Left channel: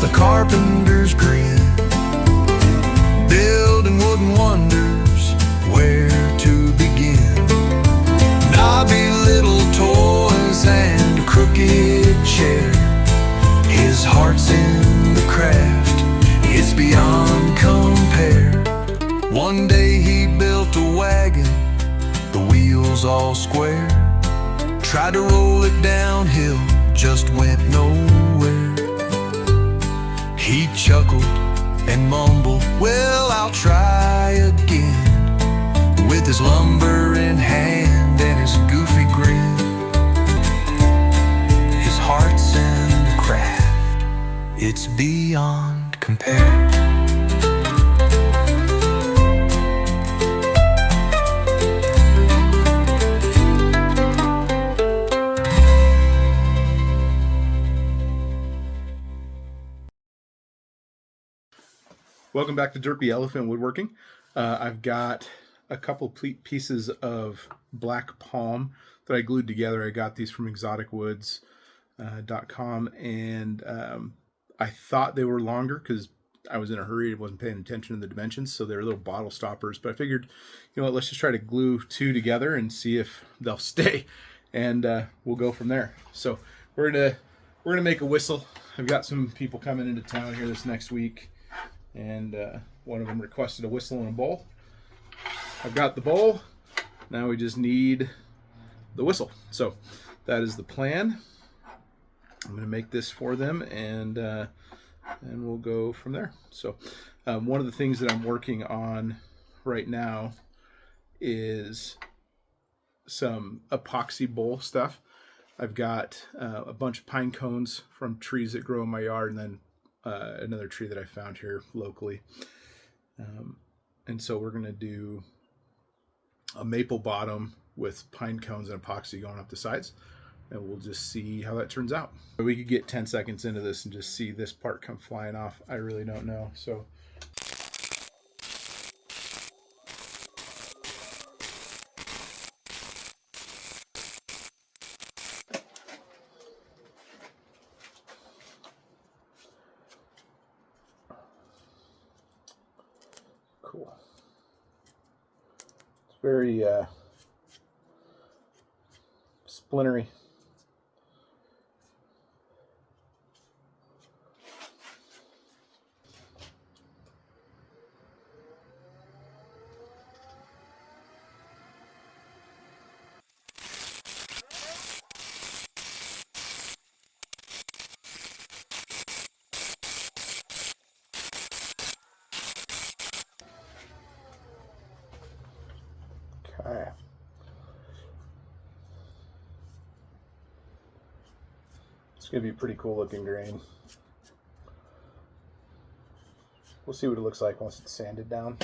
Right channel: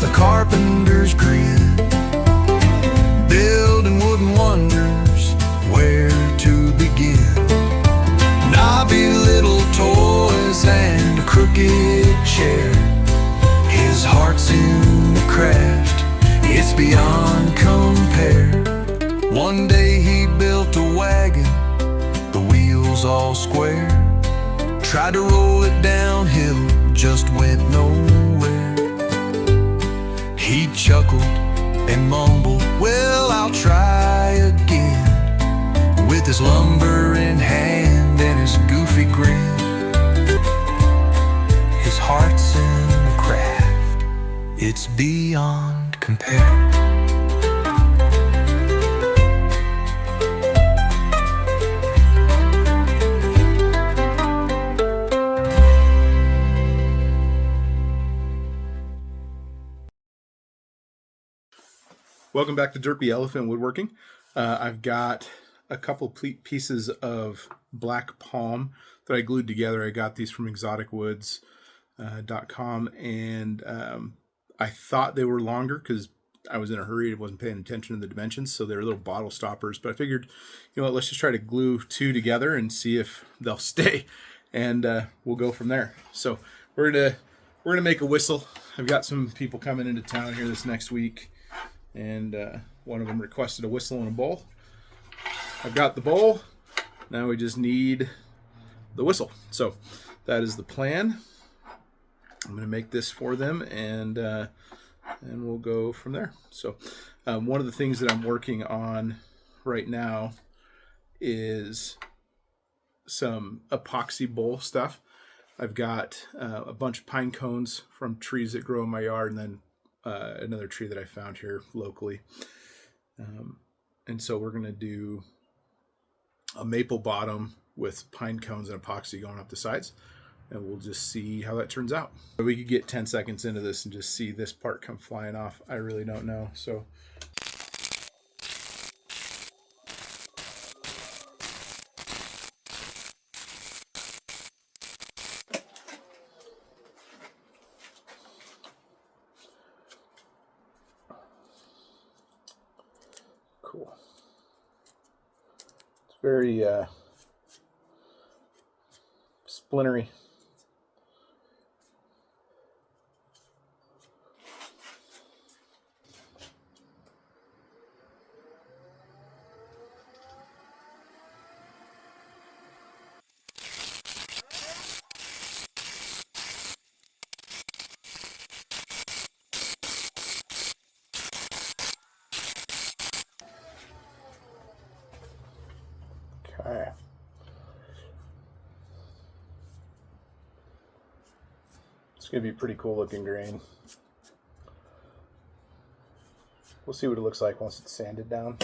with a carpenter's grin, building wooden wonders, where to begin? Knobby little toys and a crooked chair. His heart's in the craft, it's beyond compare. One day he built a wagon, the wheels all square. Tried to roll it downhill, just went nowhere. He chuckled and mumbled, well, I'll try again. With his lumber in hand and his goofy grin, his heart's in the craft, it's beyond compare. Welcome back to Derpy Elephant Woodworking. I've got a couple pieces of black palm that I glued together. I got these from exoticwoods.com, and I thought they were longer because I was in a hurry. I wasn't paying attention to the dimensions, so they're little bottle stoppers. But I figured, you know what, let's just try to glue two together and see if they'll stay, and we'll go from there. So we're gonna make a whistle. I've got some people coming into town here this next week, and one of them requested a whistle and a bowl. I've got the bowl. Now we just need the whistle. So that is the plan. I'm going to make this for them, and we'll go from there. So one of the things that I'm working on right now is some epoxy bowl stuff. I've got a bunch of pine cones from trees that grow in my yard, and then another tree that I found here locally. And so we're going to do a maple bottom with pine cones and epoxy going up the sides, and we'll just see how that turns out. We could get 10 seconds into this and just see this part come flying off. I really don't know. So cool. It's very splintery. Okay. It's going to be a pretty cool looking grain. We'll see what it looks like once it's sanded down.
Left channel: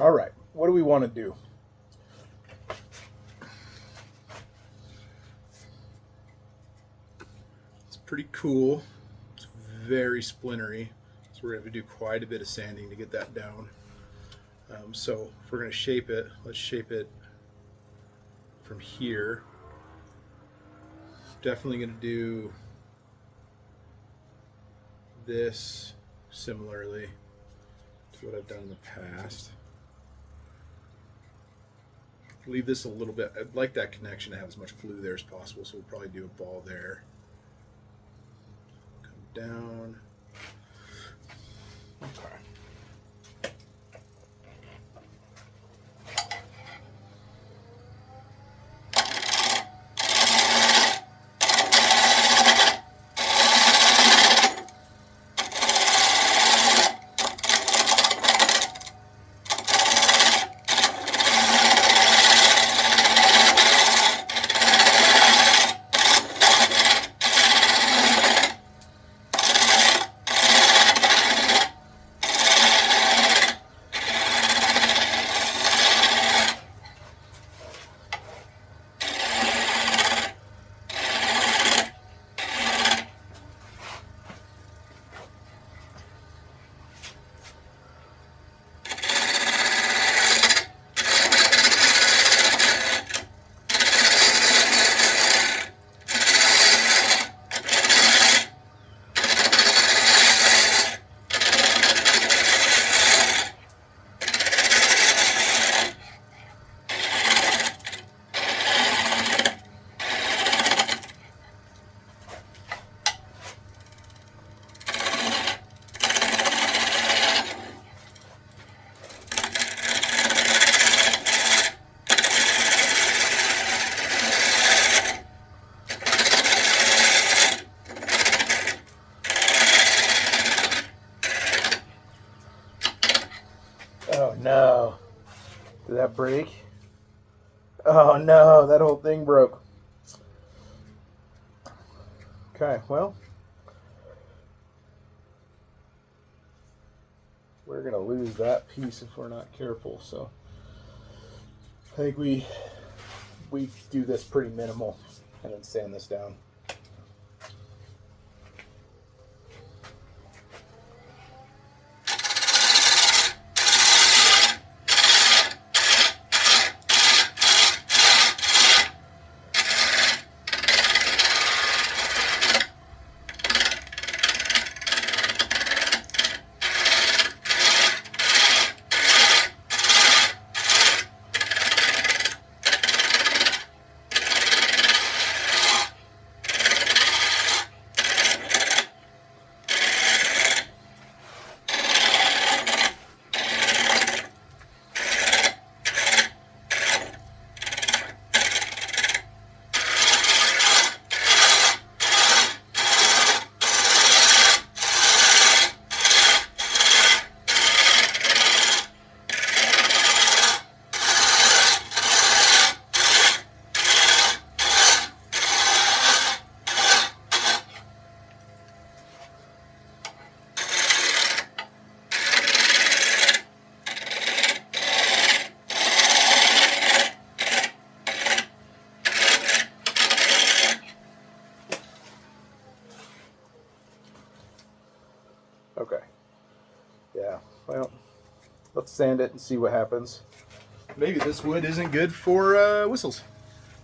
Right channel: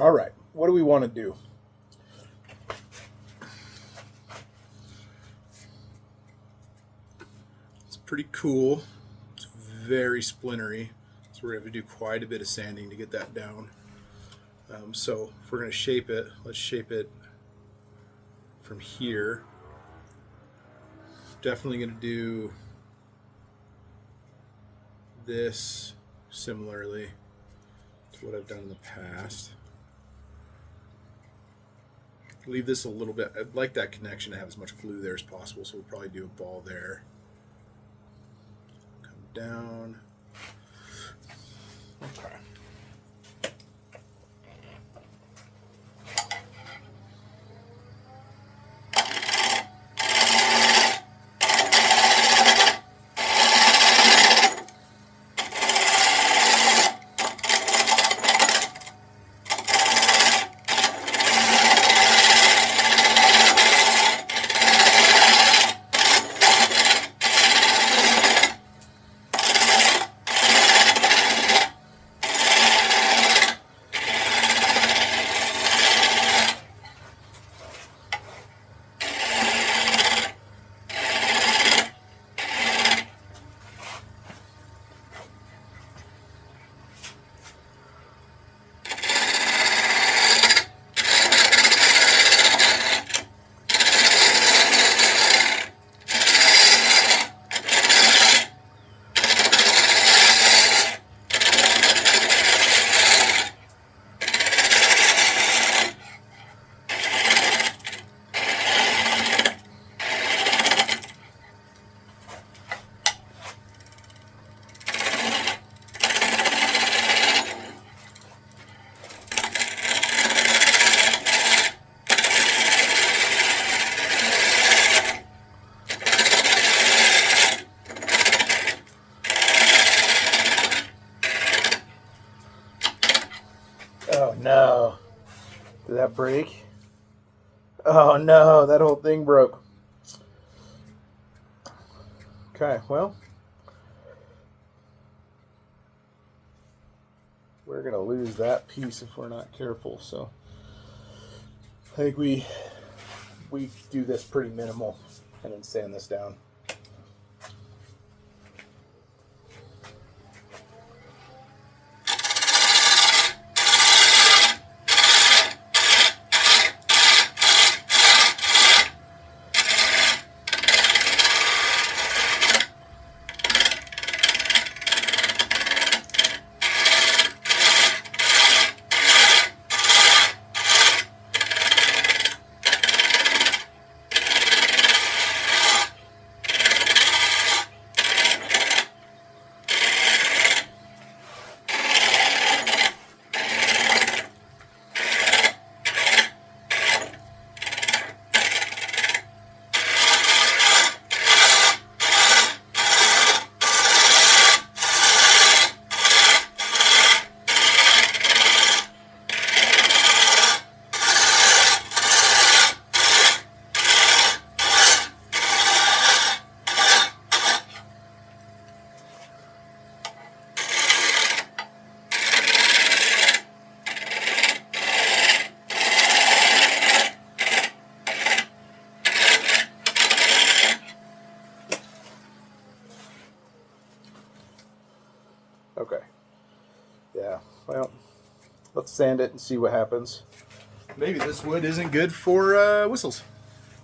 All right, what do we want to do? It's pretty cool. It's very splintery, so we're going to have to do quite a bit of sanding to get that down. So if we're going to shape it, let's shape it from here. Definitely going to do this similarly to what I've done in the past. Leave this a little bit. I'd like that connection to have as much glue there as possible, so we'll probably do a ball there. down. Okay. Oh no. Did that break? Oh no, that whole thing broke. Okay, well, we're gonna lose that piece if we're not careful. So I think we do this pretty minimal and then sand this down. Okay. Yeah, well, let's sand it and see what happens. Maybe this wood isn't good for whistles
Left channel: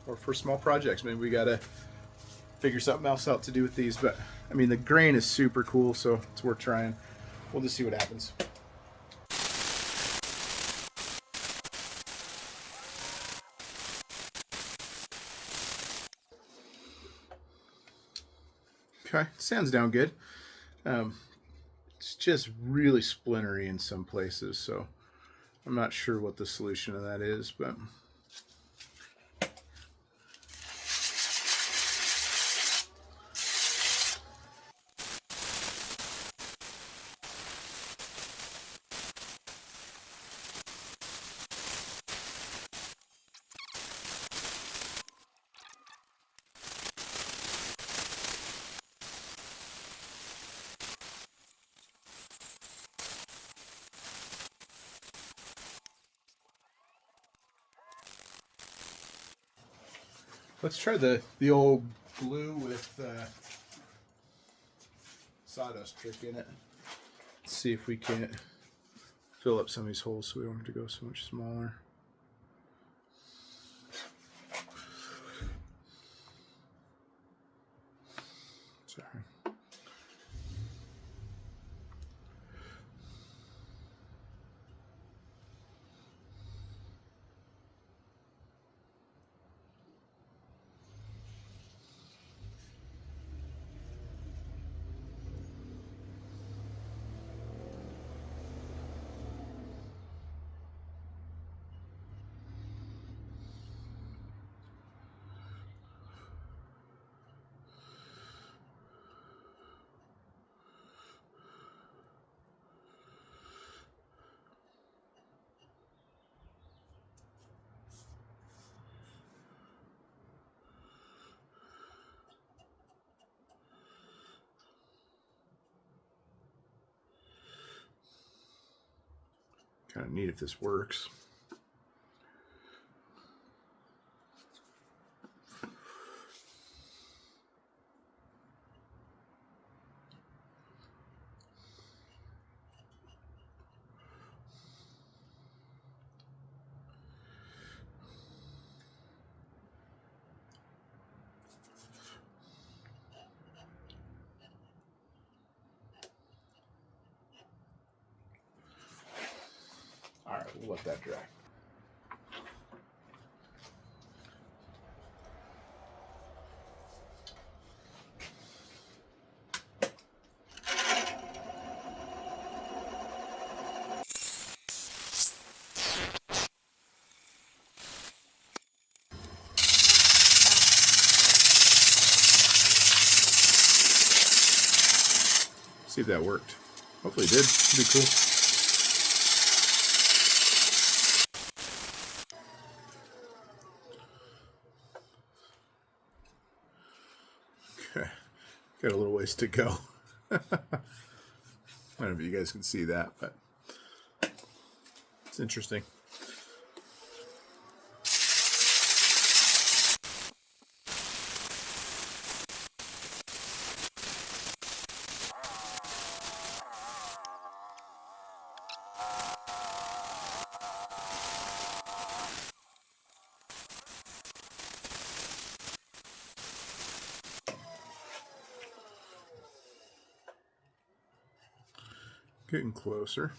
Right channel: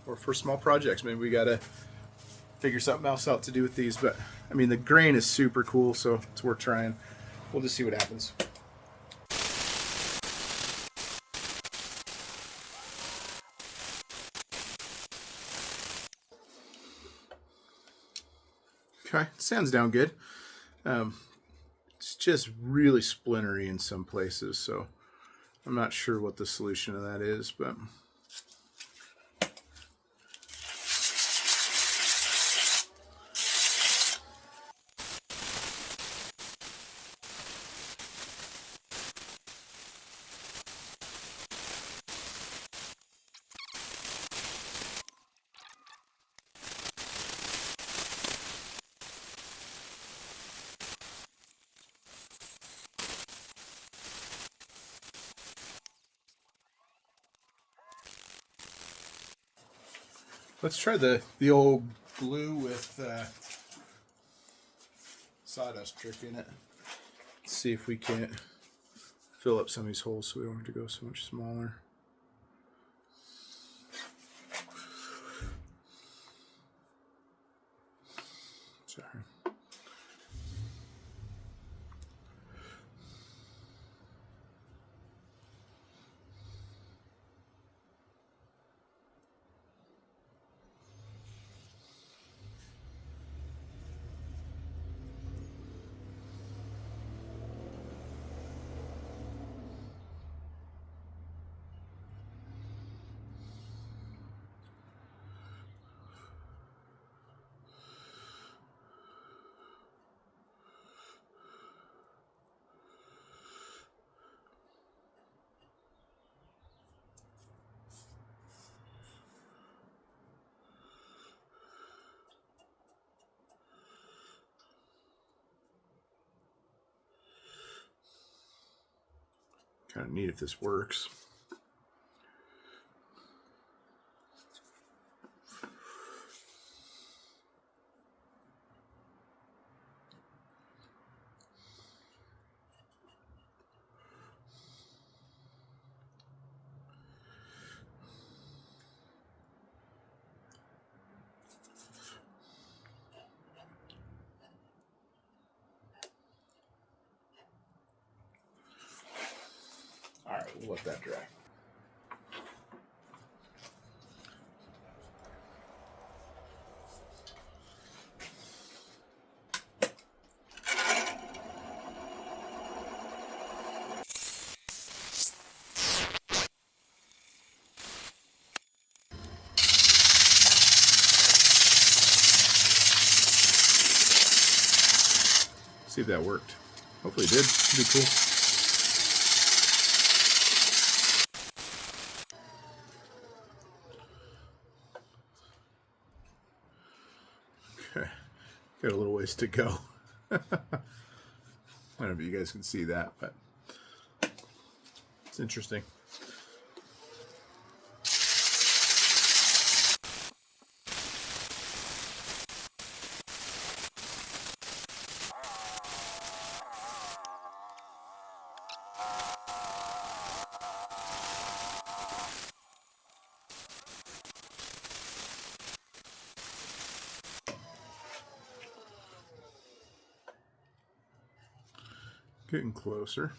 or for small projects. Maybe we gotta figure something else out to do with these. But I mean, the grain is super cool, so it's worth trying. We'll just see what happens. Okay, sounds down good. It's just really splintery in some places, so I'm not sure what the solution to that is, but let's try the old glue with sawdust trick in it. Let's see if we can't fill up some of these holes so we don't have to go so much smaller. Sorry. Kind of neat if this works. All right, we'll let that dry. See if that worked. Hopefully it did. It'd be cool. Okay. Got a little ways to go. I don't know if you guys can see that, but it's interesting. Getting closer.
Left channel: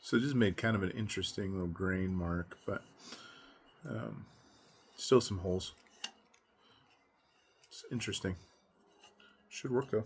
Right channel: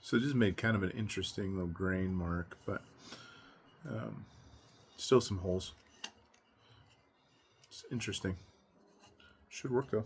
So just made kind of an interesting little grain mark, but still some holes. It's interesting. Should work though.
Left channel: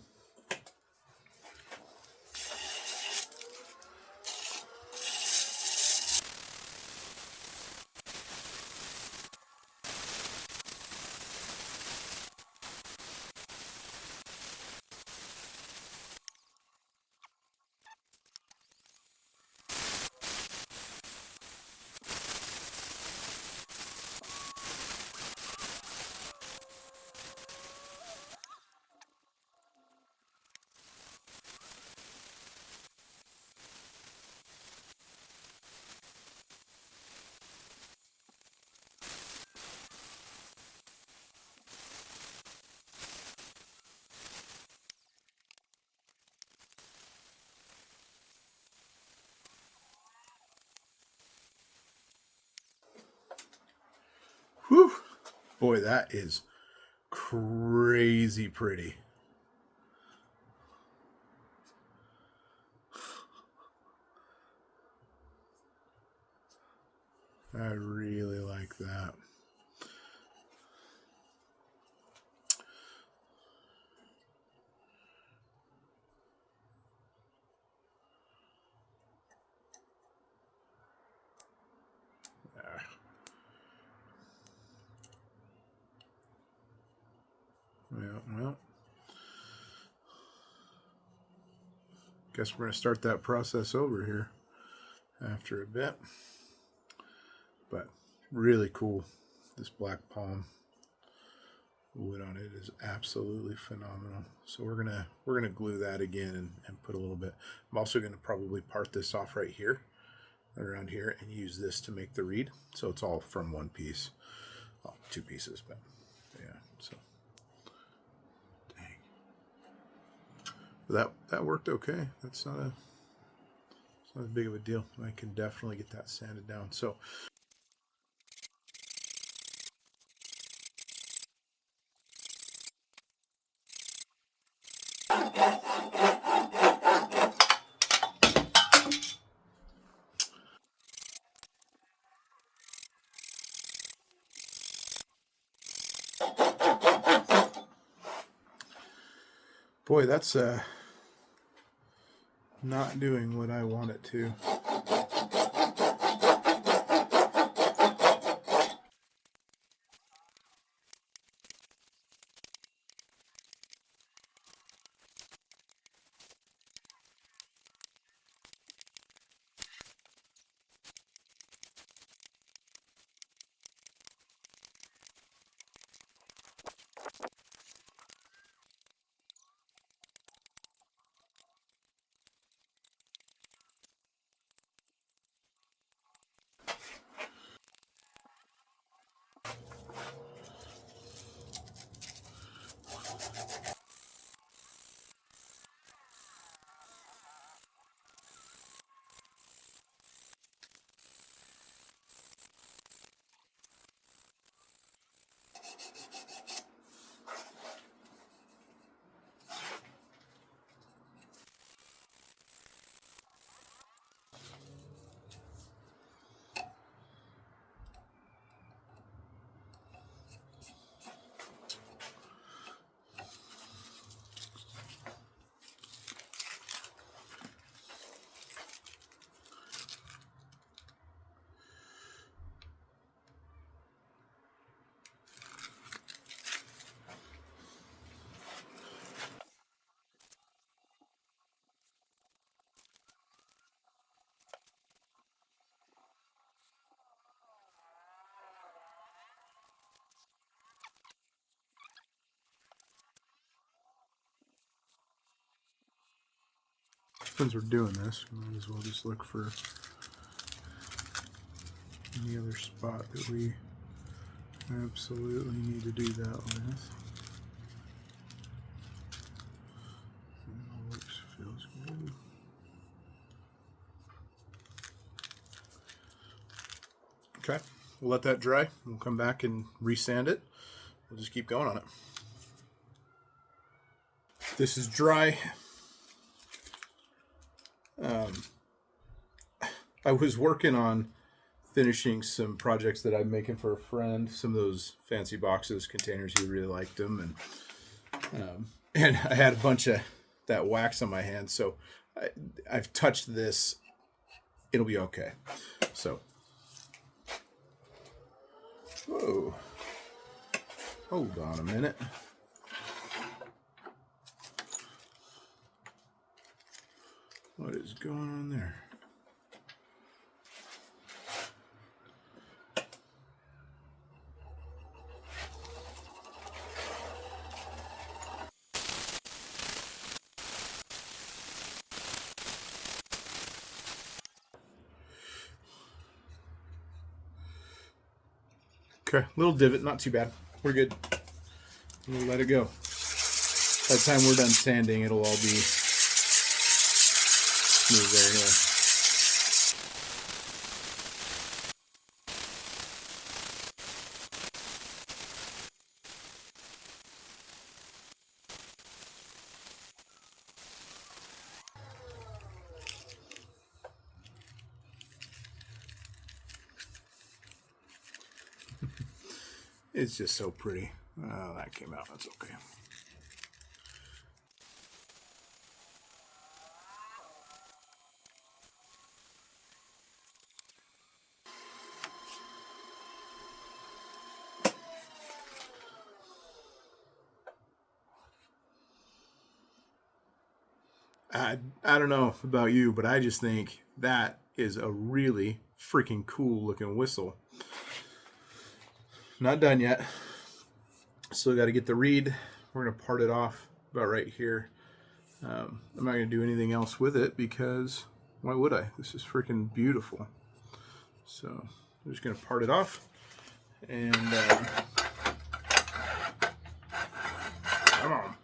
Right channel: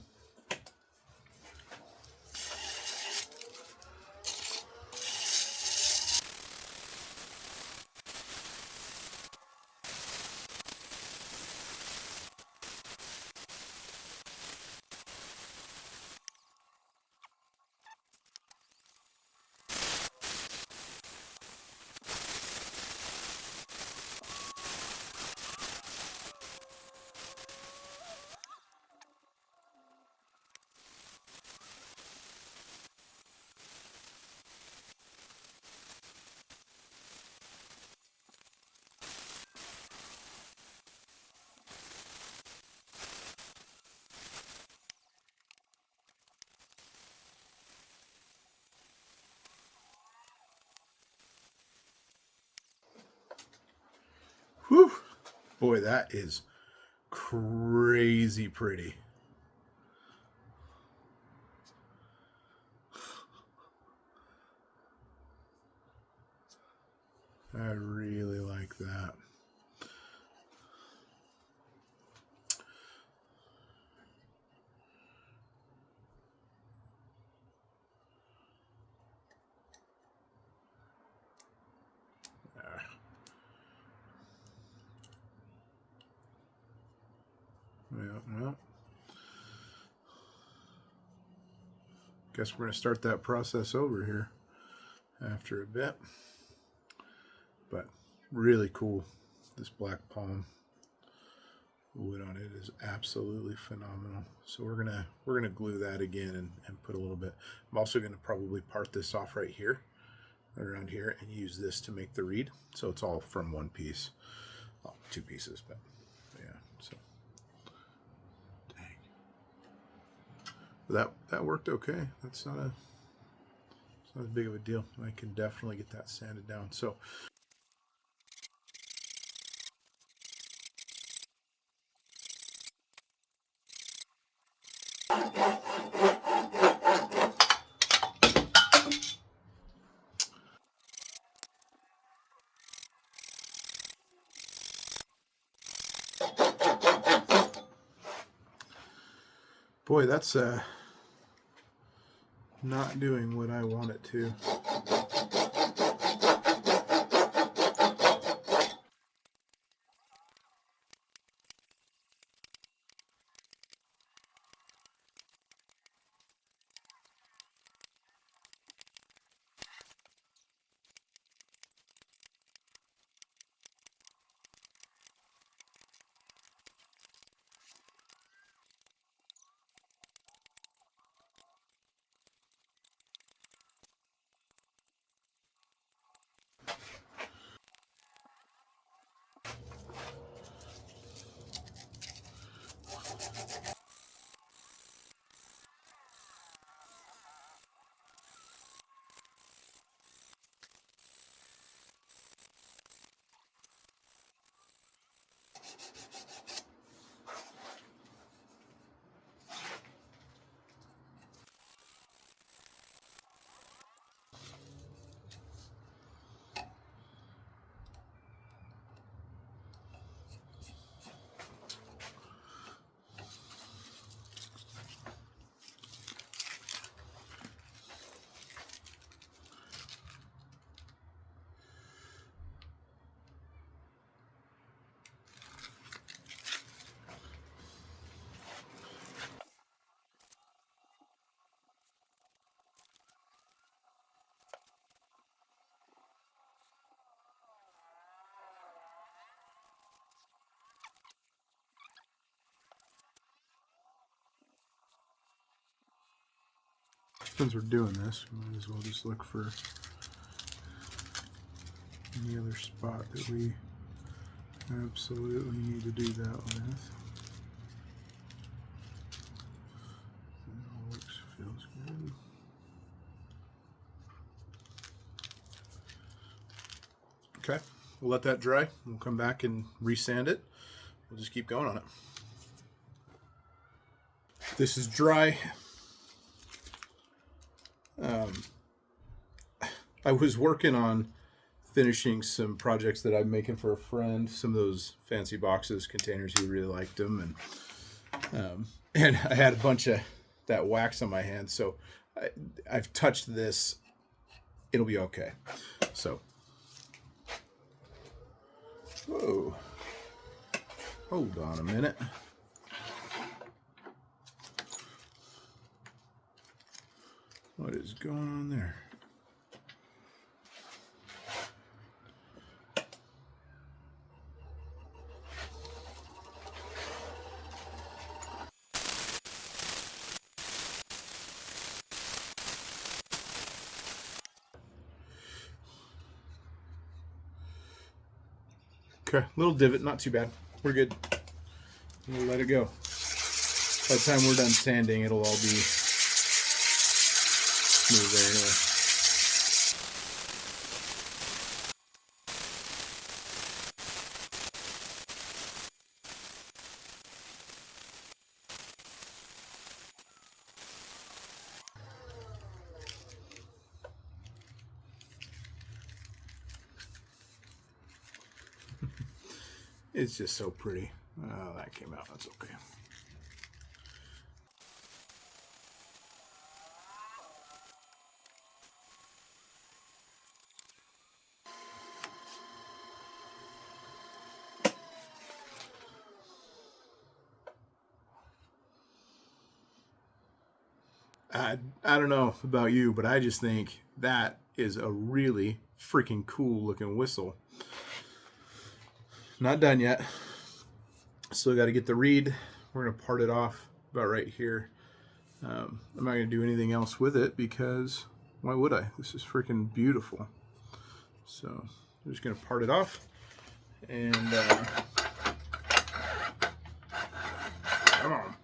Whew. Boy, that is crazy pretty. I really like that. Well, guess we're going to start that process over here after a bit. But really cool. This black palm wood on it is absolutely phenomenal. So we're gonna glue that again and put a little bit. I'm also gonna probably part this off right here, around here, and use this to make the reed. So it's all from one piece. Well, two pieces, but yeah. So dang. But that worked okay. That's not as big of a deal. I can definitely get that sanded down. So boy, that's not doing what I want it to. since we're doing this, we might as well just look for any other spot that we absolutely need to do that with. It all looks, feels good. Okay, we'll let that dry. We'll come back and resand it. We'll just keep going on it. This is dry. I was working on finishing some projects that I'm making for a friend. Some of those fancy boxes, containers, he really liked them, and I had a bunch of that wax on my hands, so I've touched this. It'll be okay. So, whoa, hold on a minute. What is going on there? Okay, little divot, not too bad. We're good. We'll let it go. By the time we're done sanding, it'll all be smooth there anyway. It's just so pretty. Oh, that came out. That's okay. I don't know about you, but I just think that is a really freaking cool looking whistle. Not done yet. Still got to get the reed. We're going to part it off about right here. I'm not going to do anything else with it because why would I? This is freaking beautiful. So I'm just going to part it off and come on.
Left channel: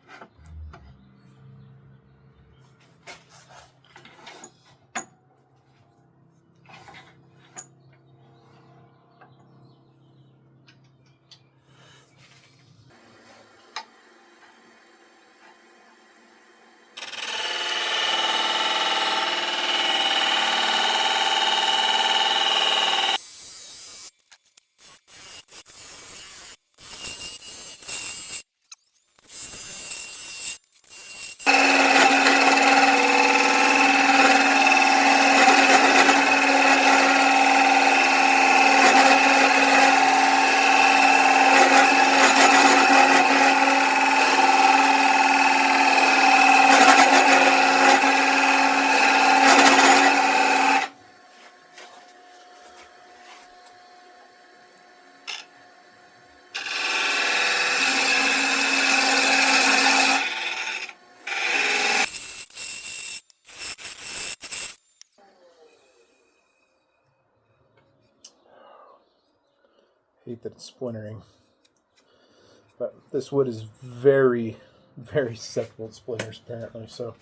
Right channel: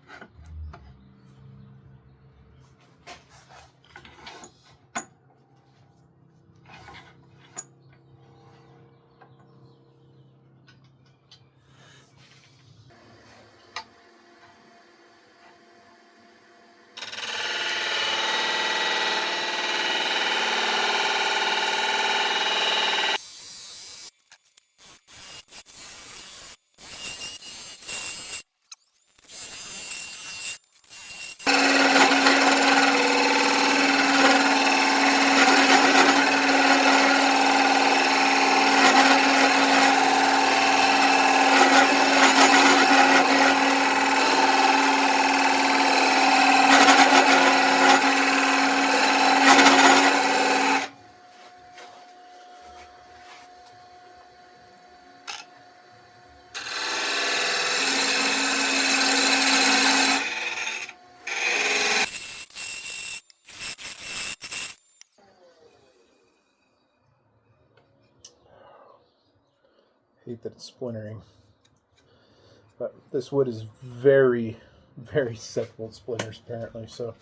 Hate that it's splintering, but this wood is very, very susceptible to splinters apparently, so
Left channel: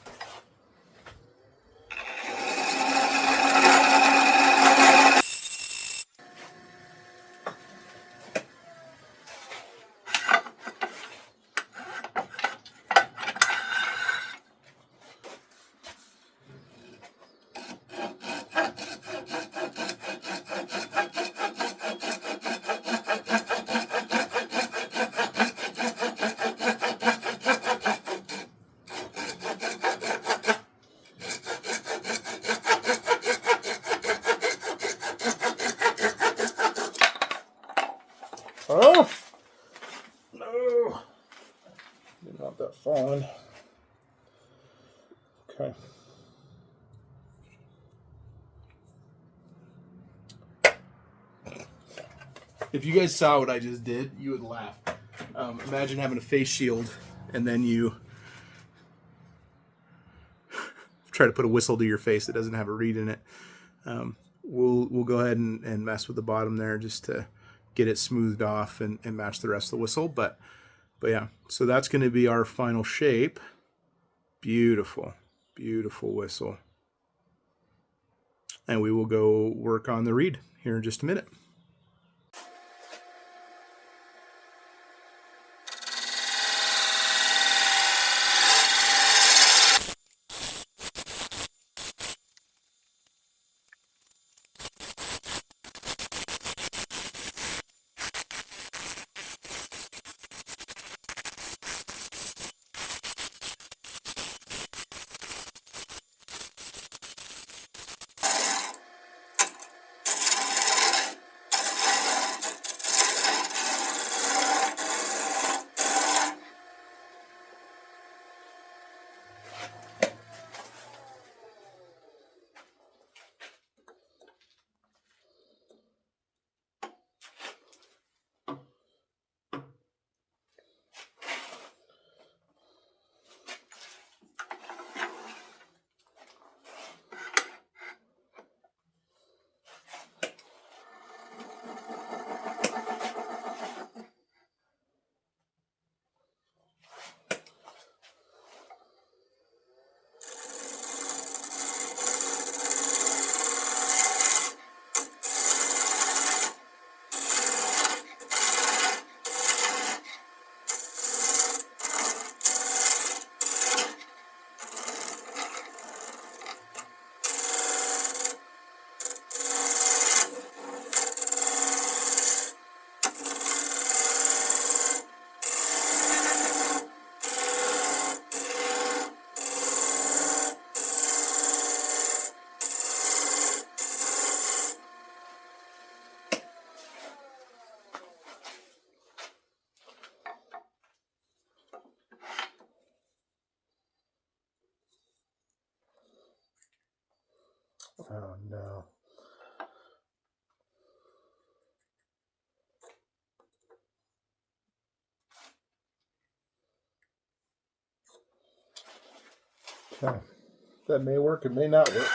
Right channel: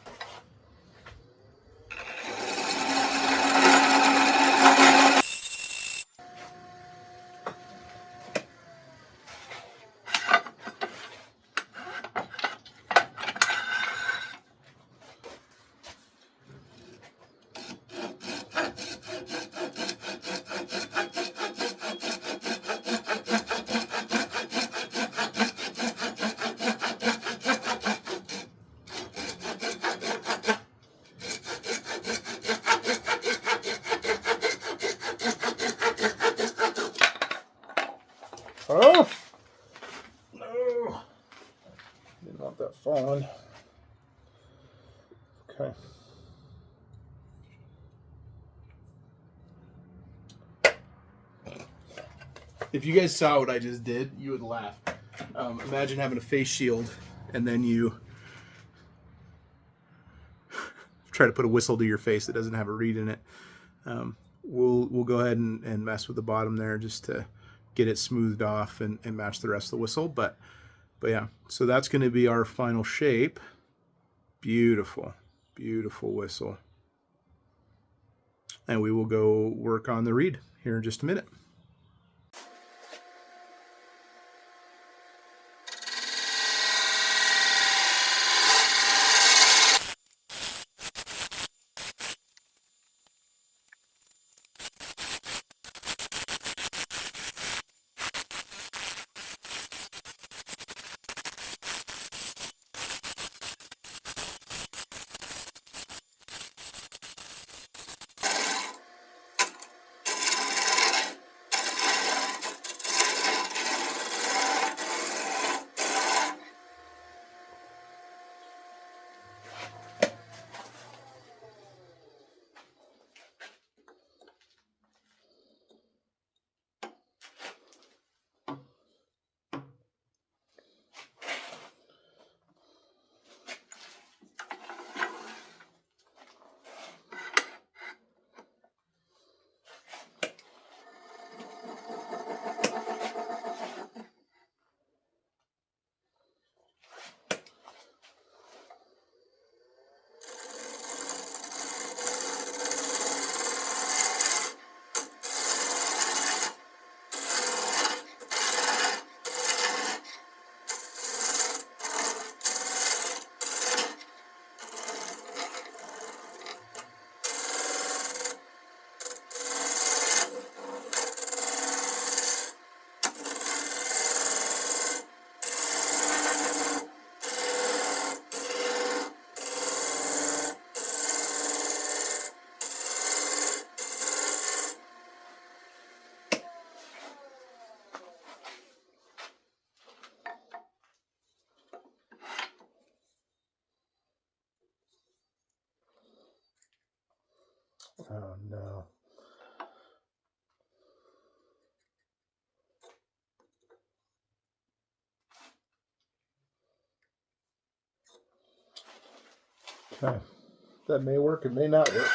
oh no, didn't want that falling. Okay. If you guys saw what I just did, you would laugh. Imagine having a face shield and then you try to put a whistle to your face that doesn't have a reed in it. We'll go ahead and mess with the bottom there just to get it smoothed off and match the rest of the whistle. But yeah, so that's going to be our final shape. Beautiful, beautiful whistle. And we will go work on the reed here in just a minute. Oh no. Okay. That may work, it may not work.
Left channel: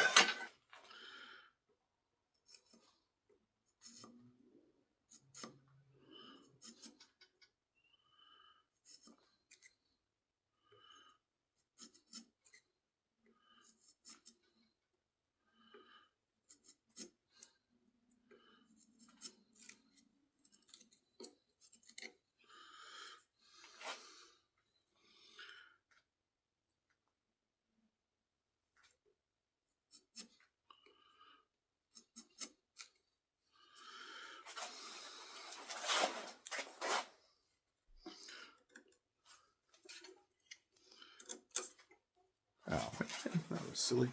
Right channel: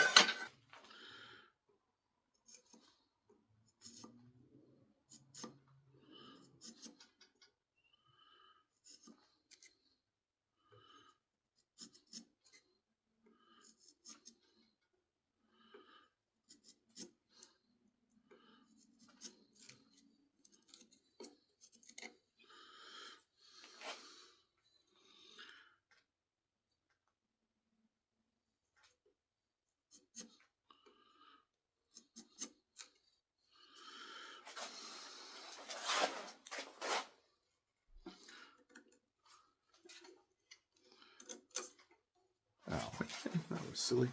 Oh, that was silly.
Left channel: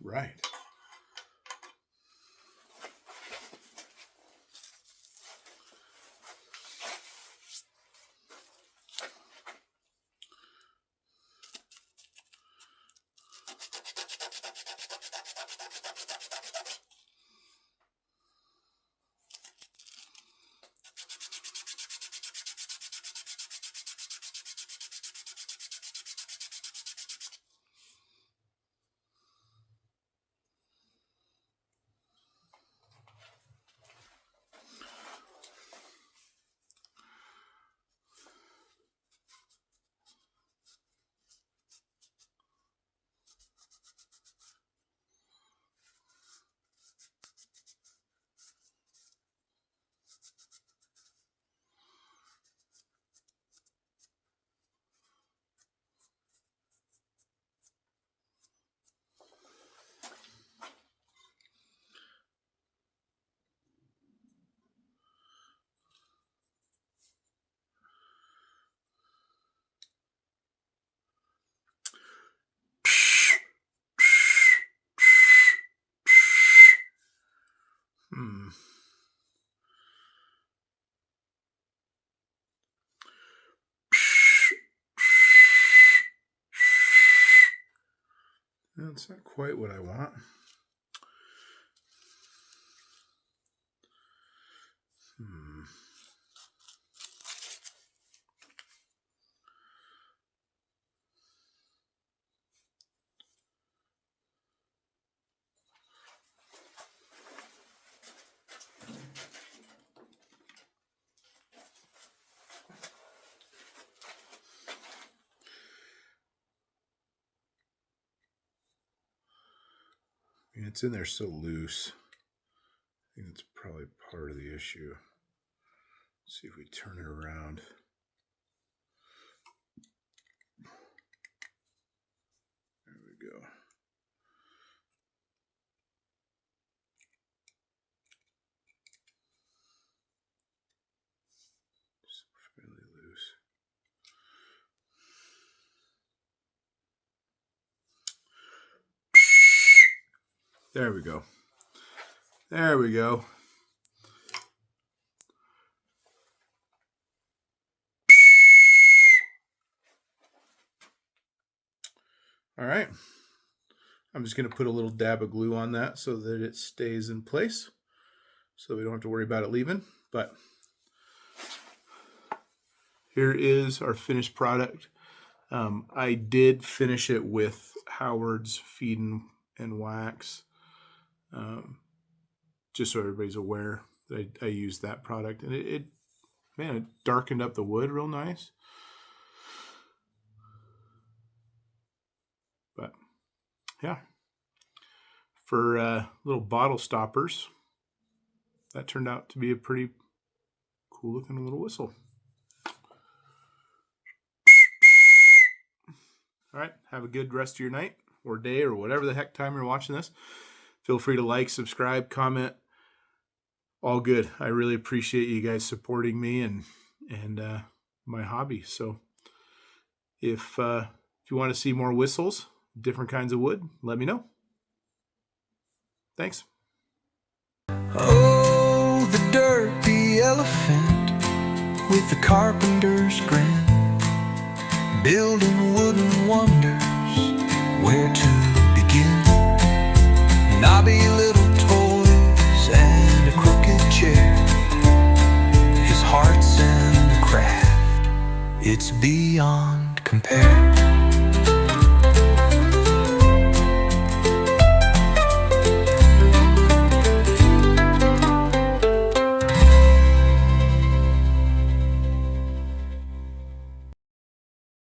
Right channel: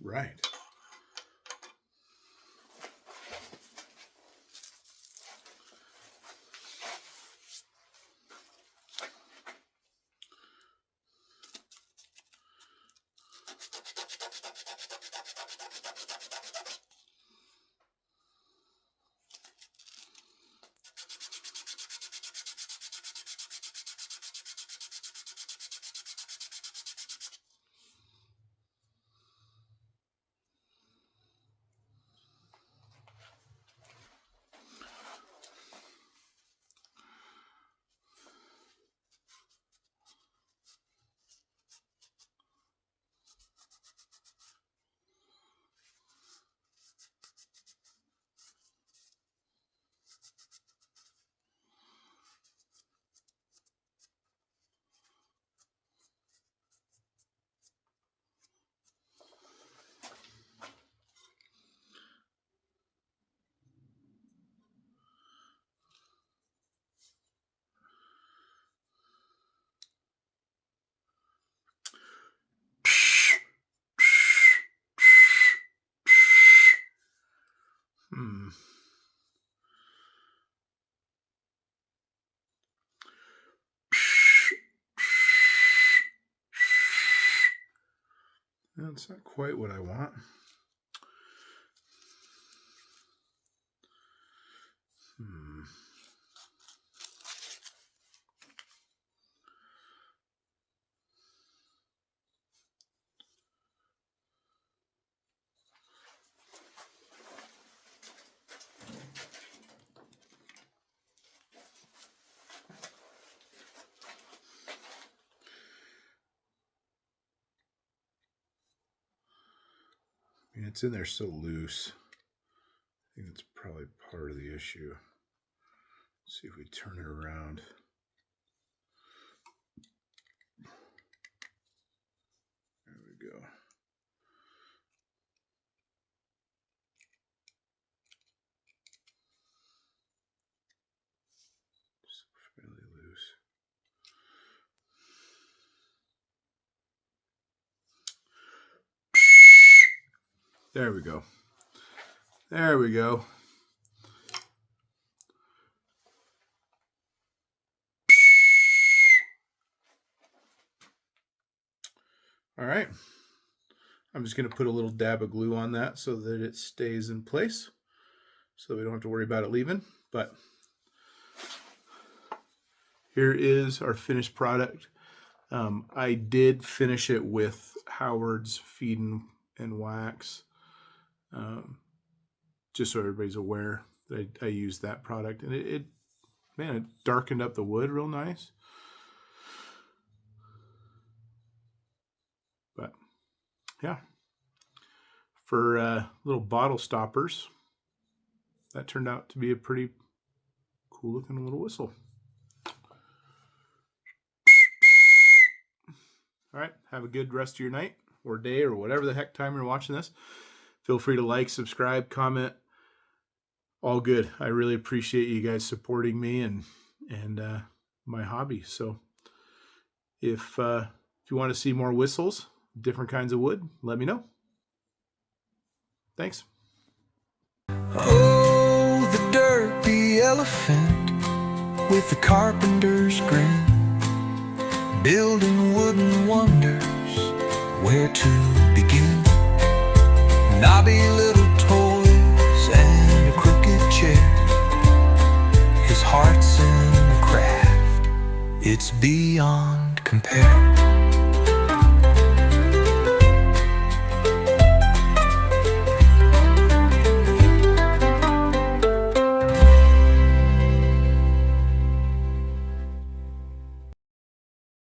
Right. That's not quite what I want. It's in there so loose. I think it's probably part of the issue. Let's see if we turn it around. There we go. Just fairly loose. There we go. There we go. All right. I'm just going to put a little dab of glue on that so that it stays in place, so we don't have to worry about it leaving. But here is our finished product. I did finish it with Howard's Feed and Wax, just so everybody's aware that I used that product, and it darkened up the wood real nice. But yeah, for little bottle stoppers, that turned out to be a pretty cool looking little whistle. All right, have a good rest of your night or day or whatever the heck time you're watching this. Feel free to like, subscribe, comment. All good. I really appreciate you guys supporting me and my hobby. So if you want to see more whistles, different kinds of wood, let me know. Thanks. Oh, the derpy elephant with the carpenter's grin, building wooden wonders, where to begin? Knobby little toys and a crooked chair. His heart's in the craft, it's beyond compare.